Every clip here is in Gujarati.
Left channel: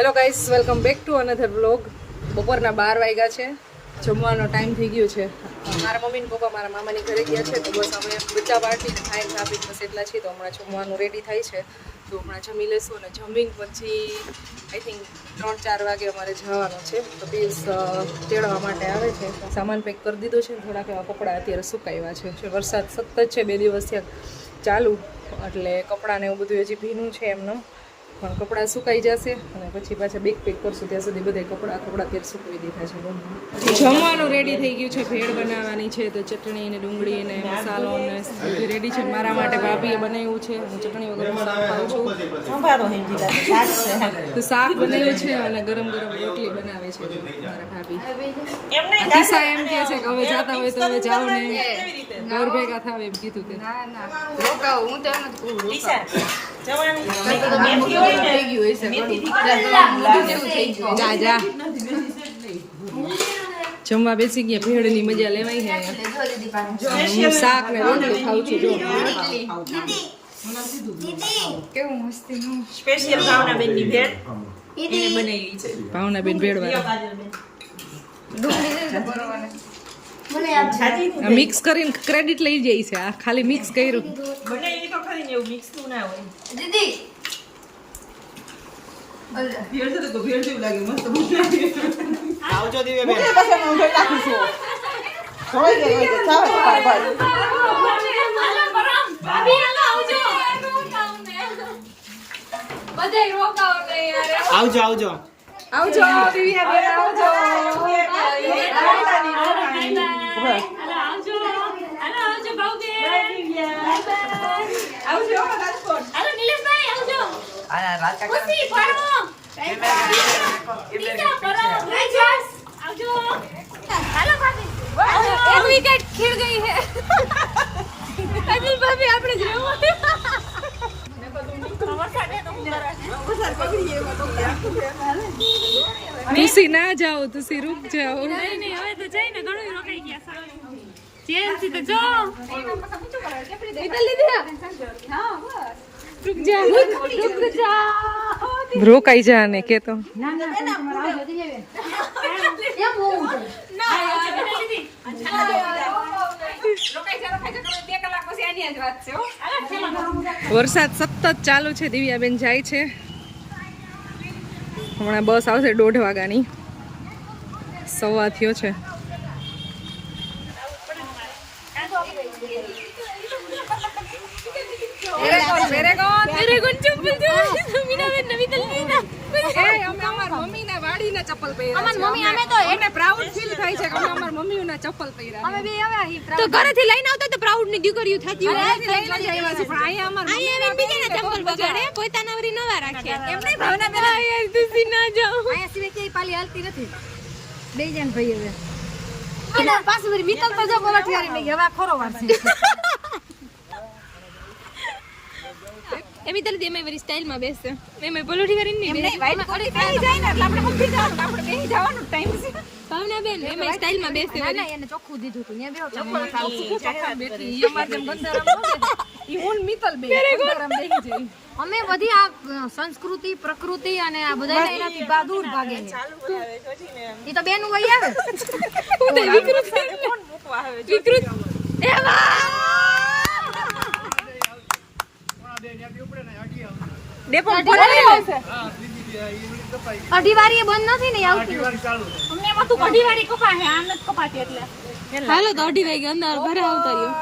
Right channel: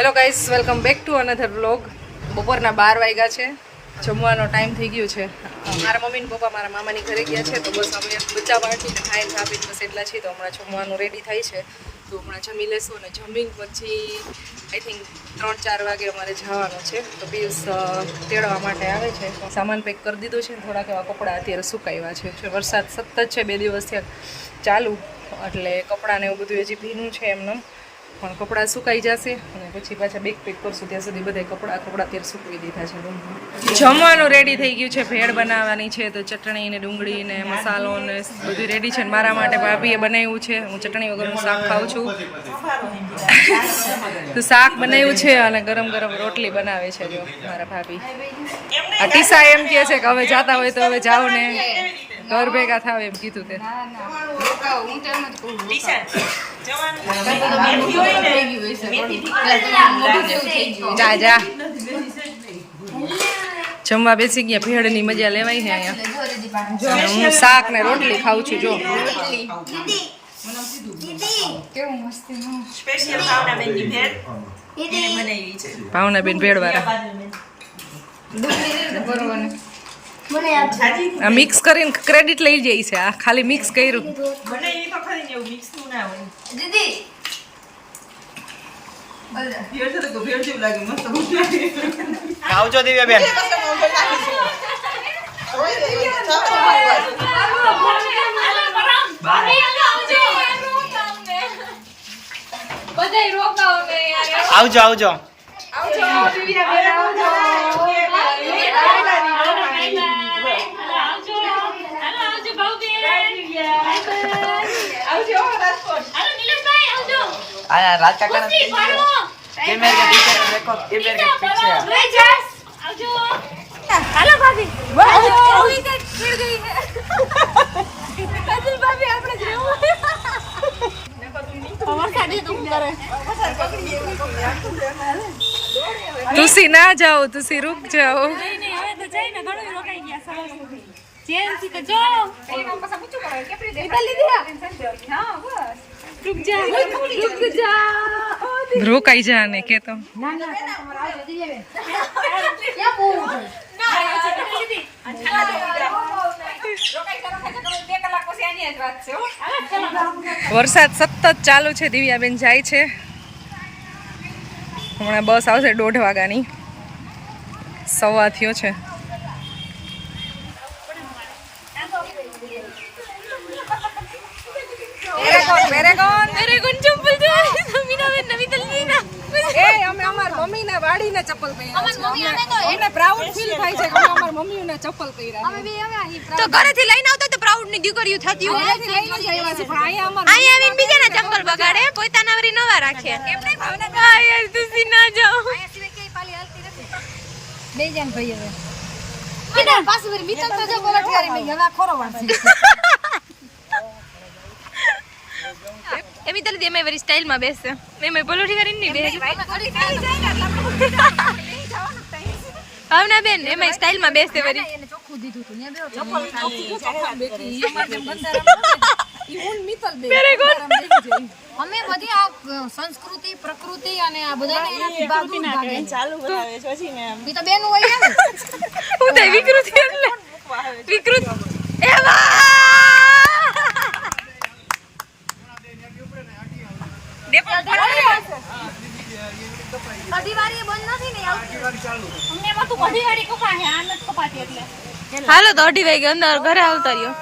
Hello guys, welcome back to another vlog. બપોરના 12 વાગ્યા છે, જમવાનો ટાઈમ થઈ ગયો છે. મારા મમ્મી ને પપ્પા મારા મામાની ઘરે ગયા છે, તો બસ અમે બચ્ચા પાર્ટીને ખાઈને ભાભીને બસ એટલા છીએ. તો હમણાં જમવાનું રેડી થાય છે, તો હમણાં જમી લેશું અને જમીન પછી આઈ થિંક 3-4 વાગે અમારે જવાનું છે. તો પિયુષ તેડવા માટે આવે છે. સામાન પેક કરી દીધો છે, થોડાક એવા કપડાં અત્યારે સુકાવ્યા છે. વરસાદ સતત છે 2 દિવસથી ચાલુ, એટલે કપડાં ને એવું બધું હજી ભીનું છે એમને, પણ કપડાં સુકાઈ જશે અને પછી પાછા બેગ પેક કરશું. ત્યાં સુધી બધા કપડાં અત્યારે સૂકવી દીધા છે. જમવાનું રેડી થઈ ગયું છે, ભેળ બનાવવાની છે, તો ચટણી ને ડુંગળી ને મસાલો ને બધું રેડી છે. મારા માટે ભાભીએ બનાવ્યું છે, હું ચટણી વગરનું શાક ખાઉં છું. તો શાક બનાવ્યું છે અને ગરમ ગરમ રોટલી બનાવે છે જો મારા ભાભી. આ ટીસા એમ કહે છે કે હવે જાતા હોય તો હવે જાઓ ને ઘર ભેગા થાવ એમ કીધું તે. જા જા જમવા બેસી ગયા. ભેળની મજા લેવાય છે અહીંયા. હું શાક ને રોટલી ખાઉં છું જો. ભાવનાબેન ભેળ વાળા આ મિક્સ કરીને ક્રેડિટ લઈ જાય છે. આ ખાલી મિક્સ કર્યું. આવજો દિવ્યાબેન. આવજો આવજો. તુસી ના જાઓ, તુસી રૂક જાઓ. રોકાઈ જા ને કે તો વરસાદ સતત ચાલુ છે. દિવ્યાબેન જાય છે, હમણાં બસ આવશે 1:30 વાગ્યાની. 1:15 થયો છે. અમે અમાર મમ્મીના વાડીને ચપ્પલ પહેર્યા છે. અમને પ્રાઉડ ફીલ થાય છે કે અમે અમાર મમ્મીના ચપ્પલ પહેર્યા. તો ઘરેથી લઈને આવતો તો પ્રાઉડ ની દીકરીઓ થતી હોય. લઈને જ આવ્યા છે, પણ અહીંયા અહીંયા આવીને બીજાના ચંપલ બગાડે, પોતાના વરી નવા રાખે. એમ નહીં ભાવના. હા યાર તુસી ના જાઓ. અહીંયા સિવાય કે પાલી હાલતી નથી. બે જણ ભાઈ હવે. એને પાછું વરી મિતલ તો જો પલટવારી નહીં હવા ખોરો વારસી. એમી તલે એમે વરી સ્ટાઇલ માં બેસે. એમે પલોઠી કરીને નહીં બેસે. ભાવના બેન એમાં સ્ટાઇલ માં બેસે વરી. એને ચોખ્ખું દીધું તું. ન્યા બેહો ચોખ્ખું બેઠી. અમાર જેમ બંધારામ નહોતી. ઈ હું મિતલ બે બંધારામ બેહી જઈ. અમે બધી આ સંસ્કૃતિ પ્રકૃતિ અને આ બધાને એનાથી દૂર ભાગે ચાલુ બનાવે છે. પછી ને ઈ તો બેન હોય ને. હું તો વિકૃતિ એટલે વિકૃત એવા ડેપો ફોન કર્યો છે. અઢીવારી બંધ નથી ને અઢીવારી ચાલુ છે. અમને એમાં તું અઢીવારી કપા હે આ નથી કપાતી એટલે. હાલો તો 2:30 વાગે અંદર ઘરે આવતા રહ્યો.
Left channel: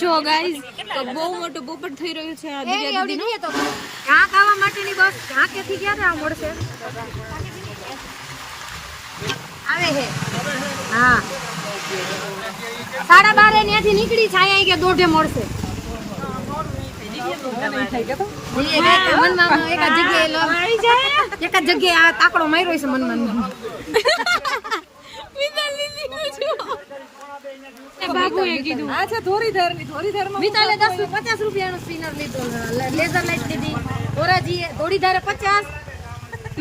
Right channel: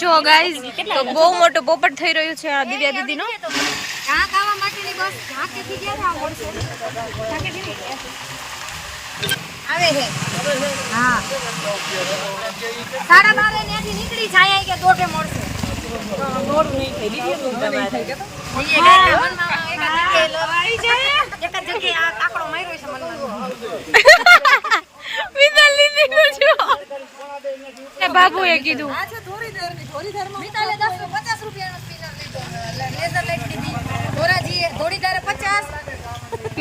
જો ગાઈઝ તો બહુ મોટો પોપટ થઈ રહ્યું છે આ દિવ્યા દીદી નો. ક્યાં ખાવા માટેની બસ ક્યાં કેથી ક્યારે આ મળશે આવે હે. હા 12:30 ત્યાંથી નીકળી છે. અહીંયા કે 1:30 મળશે. એક જગ્યાએ આ તાકડો માર્યો છે મનમાં. બાબુએ કીધું મિતાલે 50 રૂપિયાનું સ્પિનર લીધું, લેઝર લાઈટ લીધી. ધોળીધારે 50.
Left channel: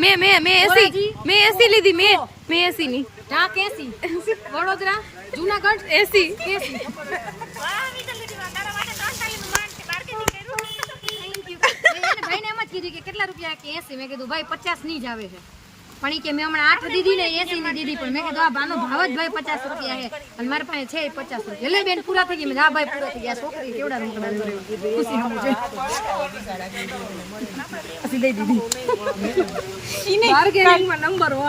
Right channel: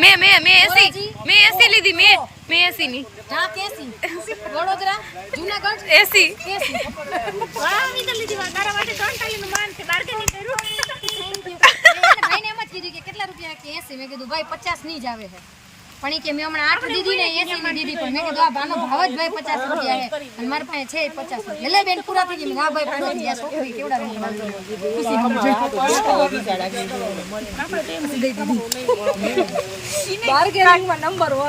મેં 80 લીધી. મેં 80 ની. વડોદરા જૂનાગઢ 80. વાહ મિતાલ લીધી. તારા માટે 3 ટાઈનું માન છે. બાર્ગેનિંગ કર્યું. Thank you. ભાઈને એમ જ કીધું કે કેટલા રૂપિયા કે 80. મેં કીધું ભાઈ 50 ની જ આવે છે. પણ ઈ કે મેં હમણાં 8 દીધી ને 80 ની દીધી. પણ મેં કીધું આ બાનો ભાવ જ ભાઈ 50 રૂપિયા છે અને મારી પાસે છે 50 રૂપિયા. લે બેન પૂરા થઈ ગયા. મેં હા ભાઈ પૂરા થઈ ગયા. છોકરી કેવડા રમકડા ખુશી હમ જોઈ દઈ દીધી. બાર્ગેનિંગમાં નંબર 1.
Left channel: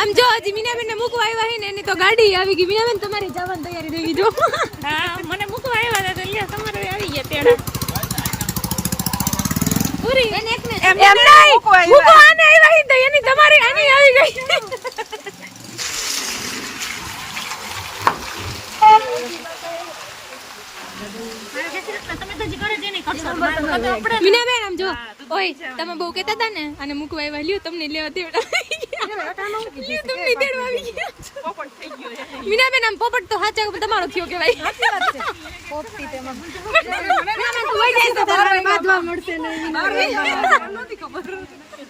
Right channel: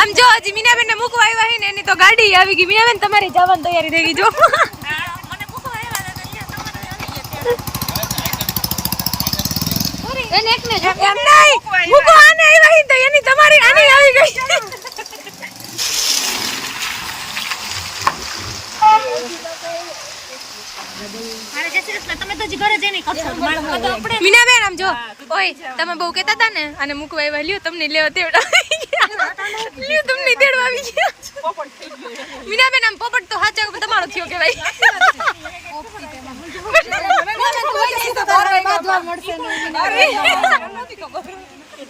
આમ જો હજી મીનાબેન ને મૂકવા આવ્યા છે ને એની તો ગાડી આવી ગઈ. મીનાબેન તમારી જવાની તૈયારી થઈ ગઈ જો. મને મૂકવા આવ્યા હતા એટલે તમારે આવી ગયા ત્યાં. એને એકને જ એમ નહીં મૂકવા આને આવ્યા છે તો એની તમારી આની આવી ગઈ. મીનાબેન આમ જો ઓય તમે બહુ કહેતા હતા ને આને મૂકવા આવ્યા લ્યો તમને લેવા તેવડા લ્યો તમને તેડવા આવી ગયા. મીનાબેન આમ પોપટ તો હાચા તમારો થયો કેવાય. પોપટી તેમાં મીનાબેન તું હોય જાય તો 12 વાગ્યા દ્વાર મળશે ને નથી ખબર.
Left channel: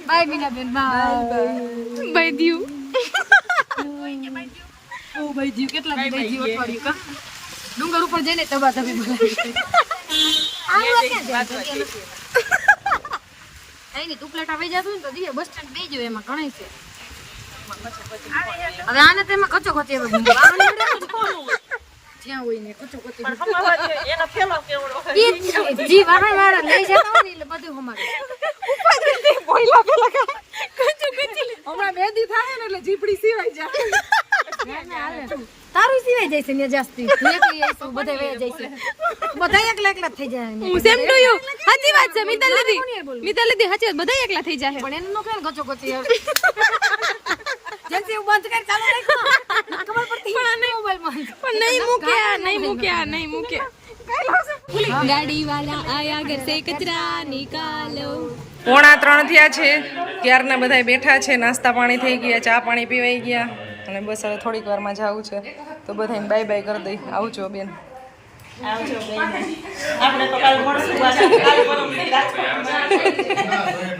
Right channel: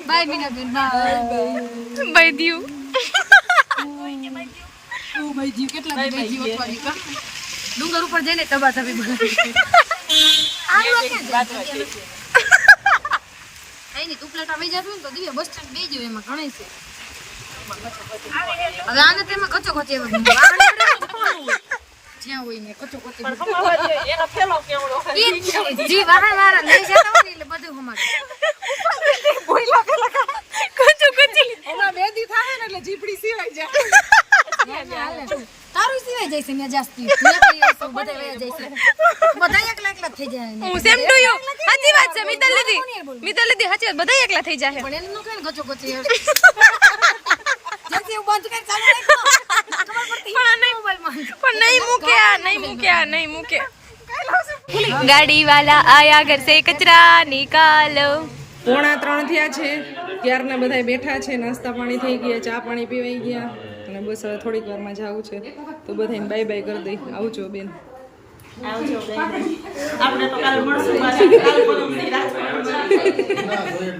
Bye Minaben bye bye Diu. ઓ બાય જીવ કેટલા બાય જીવ અઠવાડિયું કા ડુંગર ઉપર જઈને તબા તબી આની તું પ્લેટ આવી જાત ને તો દિવ્ય બસ સ્ટેન્ડ બેજો એમાં ઘણી છે. હવે આને તેમાં કચો કચી હવે જ્યાં હોય ને કચો કચી એનો ફેલો કેવડો જી વારે વારે લઈ જતા ને એટલે બધું અમારે કોઈ લાગે કચો કચી હમણાં બેદી થાય ને એટલે જીપડી સીવાઈ જાય. તારું સિવાય જાય છે ને જાસ્તી બધા વયા જાય છે બધા એકલા એકલા થઈ જાય. હું સેમ ટુ યુ સાચી વાત છે મિતલ દીદી સાચી વાત બધા એકલા થઈ જાય. પણ એને નો કઈ ગચો ગચી જલ્દી બંધ કર ચાલુ રાખ ખબર પડતી પણ નહીં મૂકે ગાડી વાલા આયા ઘર સે કચરા નિકાલો. 2:45 થયા છે. ક્યારના બધા બેઠા છે. નાસ્તા પાણી થઈ ગયા. ચા પાણી પીવાઈ ગયા અને બસ હવે થોડીક વારમાં જવું છે તો બધાને બાય બાય કરી દઈ. આવજો બેન.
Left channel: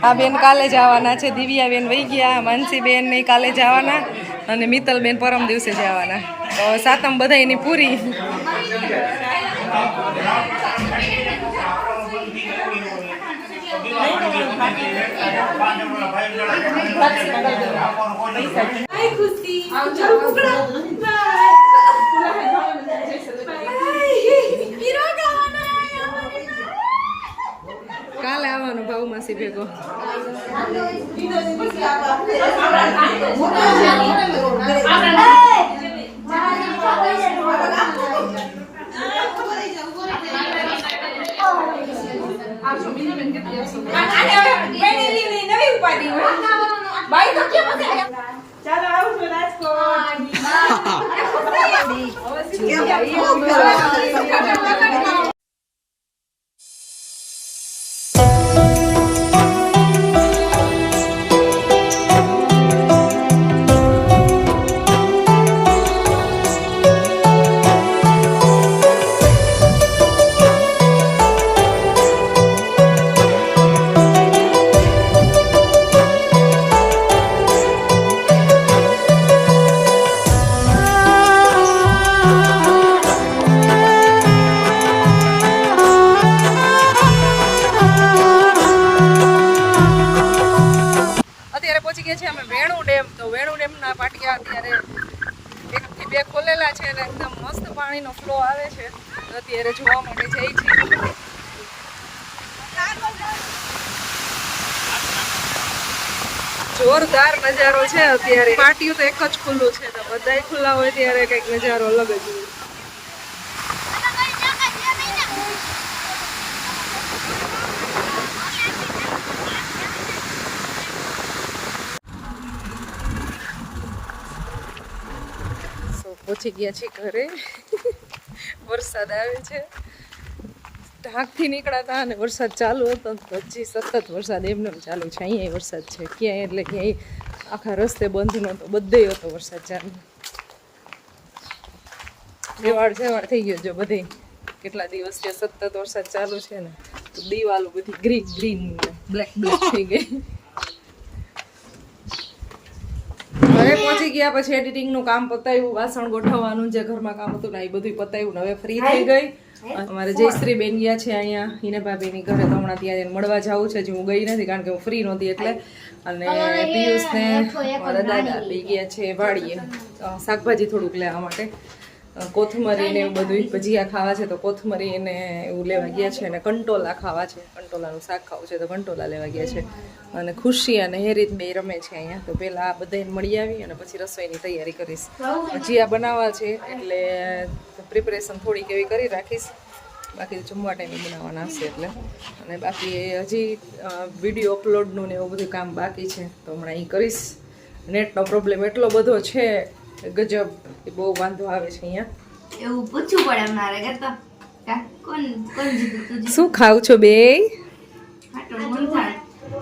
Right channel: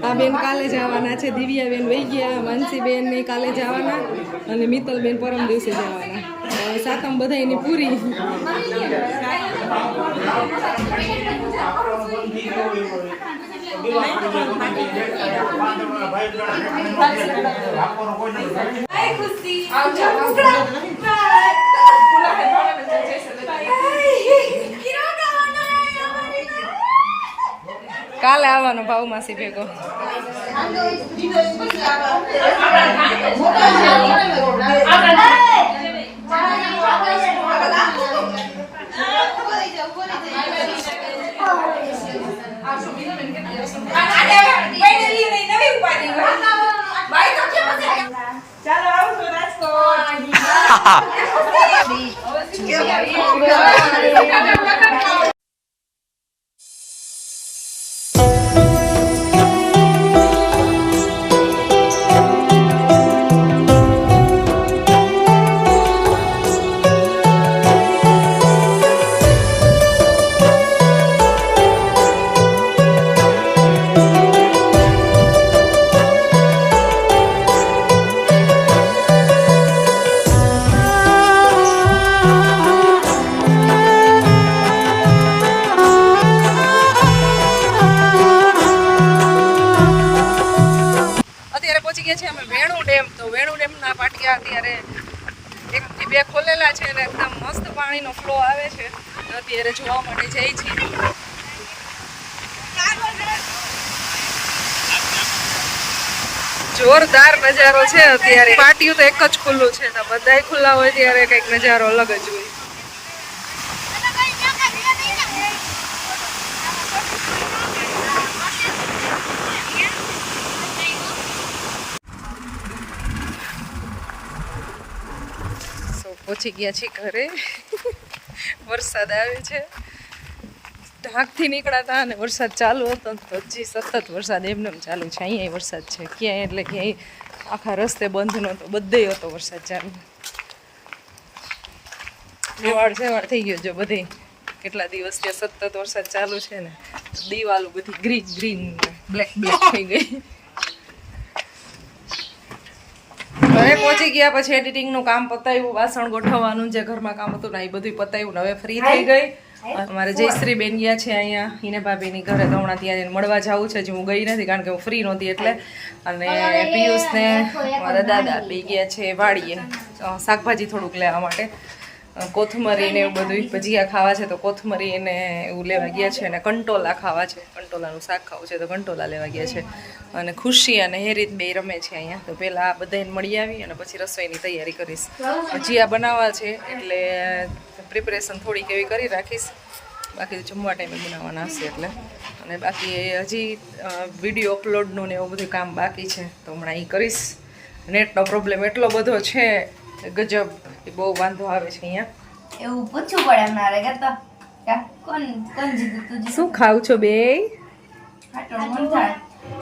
આ બેન કાલે જવાના છે. દિવ્યા બેન વહી ગયા. માનસી બેન ને કાલે જવાના અને મિત્તલ બેન પરમ દિવસે જવાના. તો સાતમ બધા એની પૂરી. કાલે આવવાનો ભાવ માસી ભેગો. ચાલો આવજો રાજકોટ. અત્યારે 1 થી 2 ખોલેલા છે અને એકદમ મસ્ત પાણીનો ફ્લો આવે છે. અત્યારે જોવા માટે જઈ છીએ. જોરદાર નજારો છે અત્યારે. પાટિયું તો એક જ ખુલ્લું છે તો બધાય ખુલ્લા હોય ત્યારે કંઈક નજારો અલગ જ હોય. પહોંચી ગયા છીએ ઘરે. વરસાદ આવે છે. ઢાંકથી નીકળ્યા અને વરસાદ ચાલુ હતો તો હજી સતત વરસાદ એમને ચાલુ છે. અહીંયા વરસાદ છે ક્યાંય એટલે ક્યાંય આખા રસ્તે બંધ નહોતો, બધે હતો વરસાદ ચાલુ. રેવાડ થઈ ગયો જો બધે. કેટલા દિવસથી સતત વરસાદ ચાલુ છે ને તો દિવાલો બધી ગ્રીન ગ્રીન બ્લેક બ્લેક થઈ ગઈ. ઘરે પહોંચી ગયા પછી એડિટિંગનું કામ પતાવ્યું, વાસણ ગોઠવવાનું જે ઘરમાં કામ હતું ને એ બધું પતાવ્યું. હવે ફ્રી થઈ ગઈ અમારે જયશ્રી બેન ગયા છે અહીંયા હિના ભાભીની ઘરે, તો હમણાં ત્યાં જઈને મળવા જવું છે. હું ગઈ નથી કારણ કે હું ફ્રી નહોતી એટલે. અને પિયુષ ને મારા દાદા બે ગયા છે વાડીએ શાકભાજી થોડુંક લેવા માટે, કોથમરી ને એવું બધું. ભજીયા ખાવા છે તો કોથમરી ને એવું લેવા ગયા છે, અને કંટોલા ખાવા છે, કંટોલાનું શાક ખાવું છે તો કંટોલા લેવા ગયા છે. અને ખુશી અને હેરીત બે રમે છે અહીંયા. તો પહેલાં આ બધાને મળી આવી અને પછી રસોઈની તૈયારી કરીશ. ભજીયા બનાવવા છે એટલે પ્રિપરેશન થોડીક એવી કરી રાખીશ, બાકી તો જમવા ટાઈમે બનાવવાના હશે એટલે. અને બાકી હજી વિડીયો અપલોડનું ને એવું બધું કામ બાકી છે તો હમણાં એ કરીશ. નેટનો પ્રોબ્લેમ એટલો બધો છે ગજબ, એ બહુ વાંધો આવે છે અહીંયા. એવું પૂછવું પડે અમારે કરતા કોણ જીતું તું શું ખાવ છો બે?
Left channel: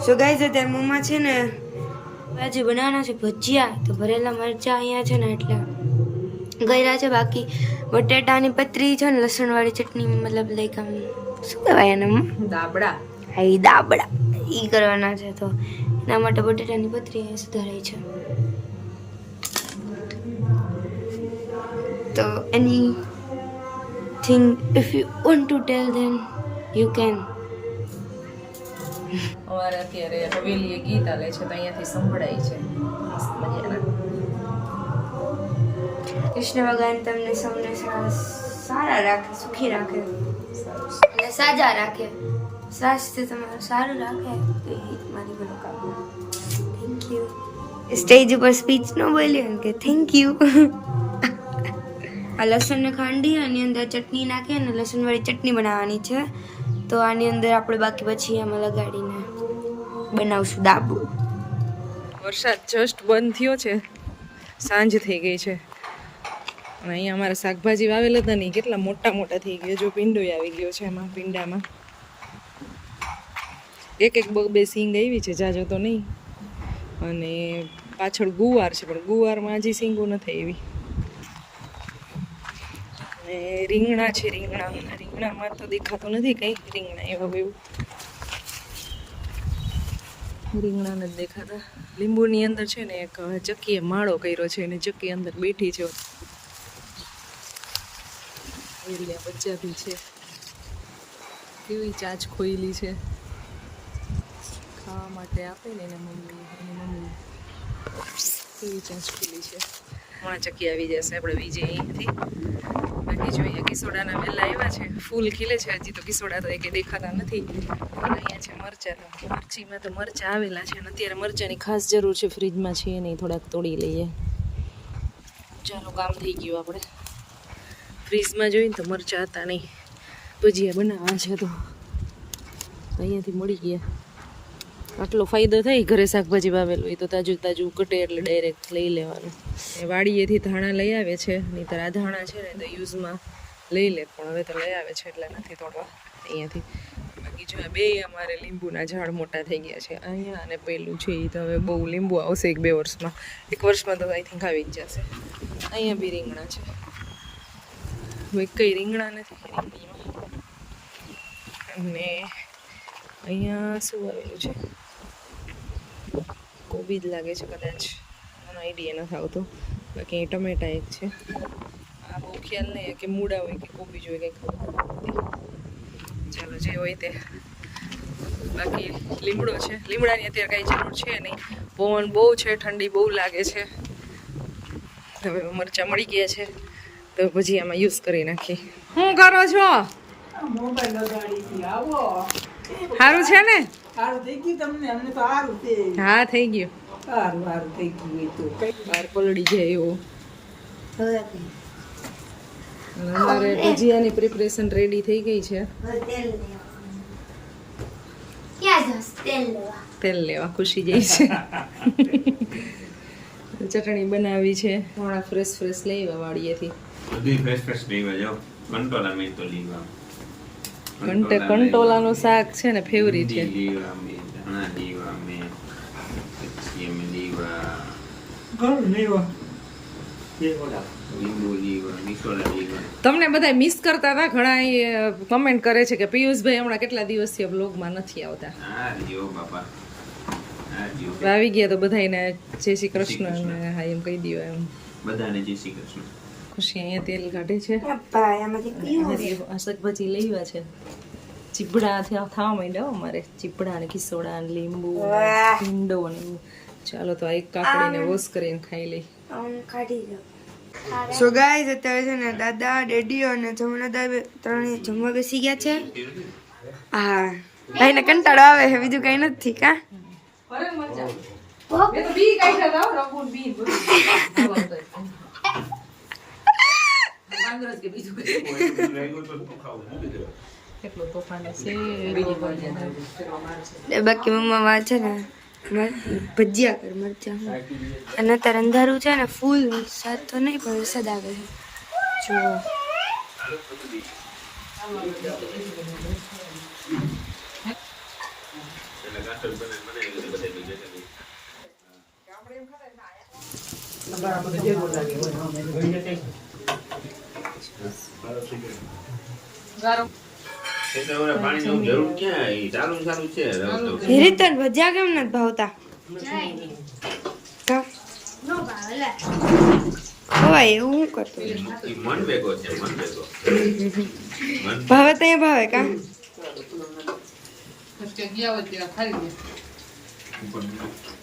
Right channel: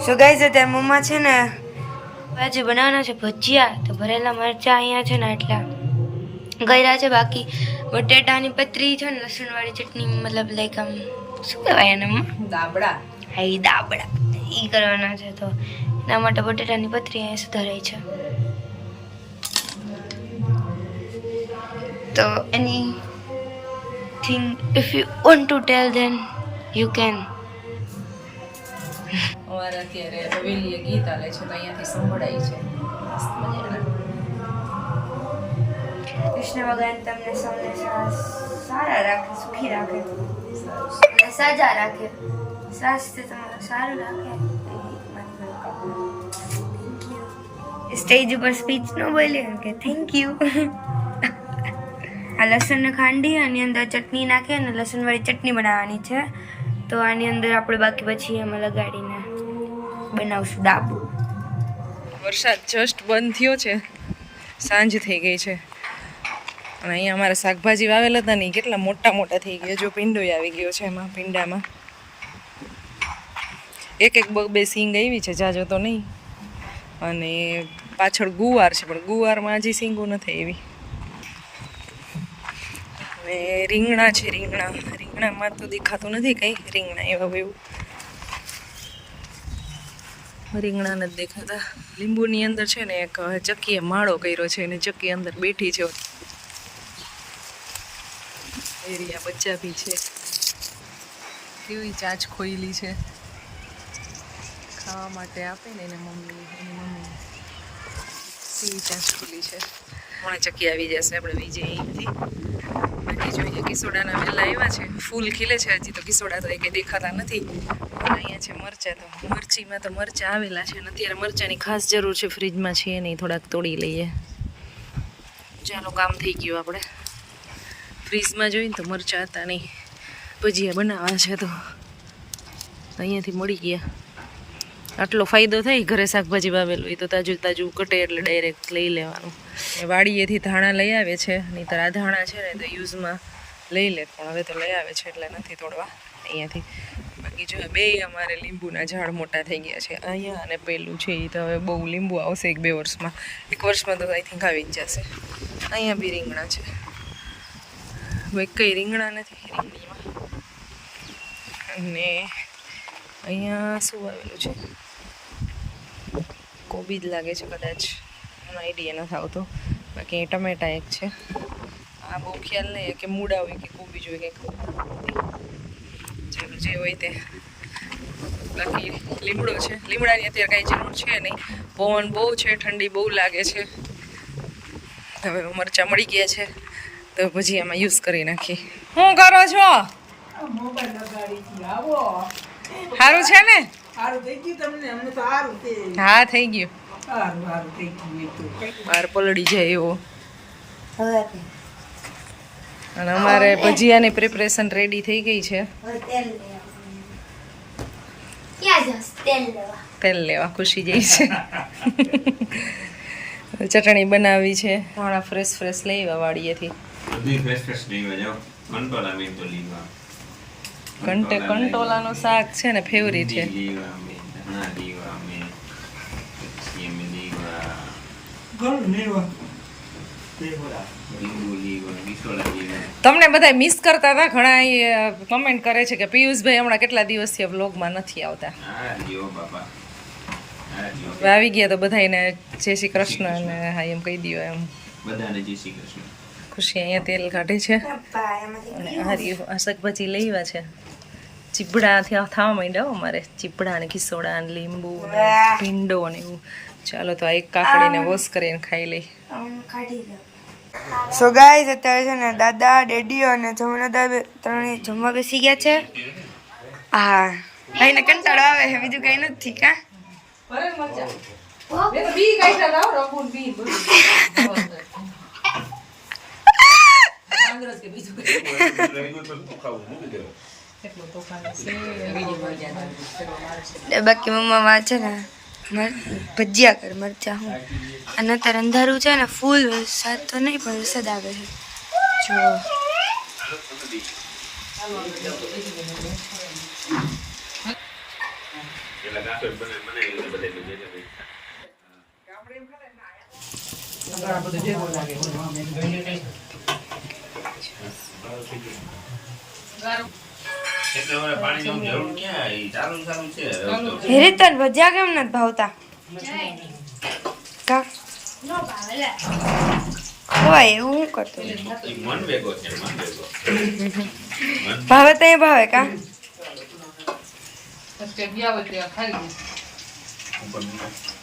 સો ગાઈઝ અત્યારે મમ્મા છે ને ભાજી બનાવવાના છે ભજીયા, તો ભરેલા મરચા અહીંયા છે ને એટલા ગયરા છે. બાકી બટેટાની પતરી છે ને લસણવાળી ચટણી, મતલબ લાઈક આમ શું કહેવાય એને દાબડા. હા એ દાબડા એ કરવાના છે, તો એના માટે બટેટાની પતરી અહીંયા સુધારાઈ છે. તો anything if you want to tell then you can. અમારે અત્યારે હવેલીએ ગીત આલે છે તો અહીંયાથી સંભળાય છે મસ્ત મજાના. કૃષ્ણ ભગવાન તમને સૌને સારા રાખે, સુખી રાખે અને સાજા રાખે, સ્વાસ્થ્ય તમારું સારું રાખે. મારી મનોકામના. Thank you. સ્ટેજ ઉપર સ્પીચ ન બોલી કે થેન્ક યુ. આ લસણને ખાંડી આની અંદર ચટણી નાખી અને લસણવાળી ચટણી બનાવવાની છે. તો આની અંદર આપણે બાકી પછી આમાં લગાડીને બનાવશું દાબડું. વરસાદ જસ્ટ બંધ થયો છે, સાંજ થઈ ગઈ છે. અને અહીંયા અમારે શાકભાજી વાવેલા હતા ને કેટલા મોટા મોટા થઈ ગયા. જો પીંડોય આવી ગયો છે એમાં, પીંડામાં એક બે સિંગ આવી છે, જાજો તો નહીં. અને પાછળ ગુવાર છે પણ ગુવારમાં હજી સિંગો નથી આવી. અને રીંગણા છે, રીંગણામાં તો દેખાતું નથી કંઈ. રીંગણા એવા એવું રીંગણા નથી દેખાતા. લીંબુની અંદર છે ને એક ચક્કીએ માળો કર્યો છે અને ચક્કી અંદર બેઠી છે. એરિયા બચ્ચા બી છે, કેવી ચાંચ ખોઈલી છે, ખાવા માટે આપે ને એને મમ્મી, એની મમ્મી કેવી ચાંચ ખોલી છે. હમણાં ચક્કી આવી જશે, આપણે વીજે અહીંયાથી. બાકી જોઈએ કિસોડાના વેલા આવ્યા છે, ફૂલ ખીલે છે હજી તો. કિસોડા તો કંઈ દેખાતા નથી. અહીંયા છે મરચાં, તો મરચીમાં તો મરચાં આવેલા છે અને અત્યારે મરચાંની ખાસ જરૂર છે. ફ્રીજમાં છે નહીં, થોડાક તોડી લઈએ. ચાલો કામ થઈ ગયું. આપણે ફ્રીજમાં જોઈને તો મરચાં હતા નહીં, ભજીયા બનાવવા છે તો અહીંયાથી મળી ગયા. આટલો ફાયદો થાય ઘરે શાકભાજી વાવેલું હોય તો તાજું તાજું કટે એટલે ડાયરેક્ટ લઈ લેવાનું. વાડીએથી ધાણા લઈ આવે છે, નહીંતર આ ધાણા છે ને તો યુઝમાં લઈ લે, પણ હવે તો લઈ આવે છે એટલે નથી તોડવા અહીંયાથી. બાકી જો બે અમારે લીંબુના ઝાડ મોટા થઈ ગયા છે અહીંયા, અને પેલું છે એ તો હવે બહુ લીંબુ આવશે 1-2 વર્ષમાં. 1 વર્ષમાં તો આઈ થિંક આવી જ જશે. અહીંયા બી રીંગણા છે, કંઈ રીંગણા નથી રીંગણીમાં. અને અહીંયા શું આવેલું છે? કોબી જ લાગે છે કદાચ, મને આઈડિયા નથી આવતો. બાકી અહીં ટમેટા એક છે. આ બહુ ખ્યાલ નહીં કે મૂળા હોય કે કોબી જ હોય કંઈ ખબર નથી. ચાલો જે હોય તે. બાકી લીમડો છે, લીમડાની અત્યારે કાંઈ જરૂર છે નહીં. પવન બહુ છે, ઠંડી બહુ લાગે છે. હવે મરચાં મળી ગયા છે તો પછી આમાં યુઝ કરી નાખી. શું કરો છો? મોબાઈલ લગાડી છે. આવો સારું છે ને? સારું થઈ ગયું તમને? અમને તો સારું છે. હા થઈ ગયું. સારું થઈ ગયું એ તો. બહાર પલળી જાય એવો. અને અમારે ભજીયાની પ્રિપરેશન રેડી થઈ ગઈ છે. તેલ લેવા ખુશી જઈ છે. ચટણી બનાવી છે, હમણાં ફ્રેશ લઈ વાડીએથી. કંટોલાનું શાક છે ને ફેવરિટ છે. તમને બધા મિસ કરતા હતા, ઘણા કમેન્ટ કરે છે કે પિયુષભાઈ હમણાં કેટલા દિવસથી વ્લોગમાં નથી આવતા. આવી ગયા તો બધાને જય શ્રી કૃષ્ણ અને હા એમ કહી દો. એમ બધાને જય શ્રી કૃષ્ણ. ખુશી અહીંયા તેલ કાઢે છે ભાઈ આમાંથી અને આ રહ્યું આ શાકભાજી લેવા છે ચીપડા થવા માંડ્યા હો અમારે ચીપડા ને કિસોડા ને લીંબુ ને ભીંડો ને એવું ચાલો તો આ એક કાકડીને વોશ કરીને ખાઈ લઈ કાઢી લો સો ગાઈઝ અત્યારે છે ને દાદા ડેડીઓ અને જમણા દાદા ત્રણે જમવા બેસી ગયા છે હા ભાઈને કંટાળો આવે છે બીજું કઈ નથી કા બાકી મમ્મા છે ને ભજીયા કર મરચા હું અને અત્યારે અંધારું છે ને ફૂલ વરસાદ તો નહીં પણ વરસાદ આવે છે જો હેરીતન ભજીયા કેમ નથી ભાવતા કા હોય એવું હું કરતો ભાવે તો એ ભાવે કા જગ્યા હોય ત્યાં ખાઈ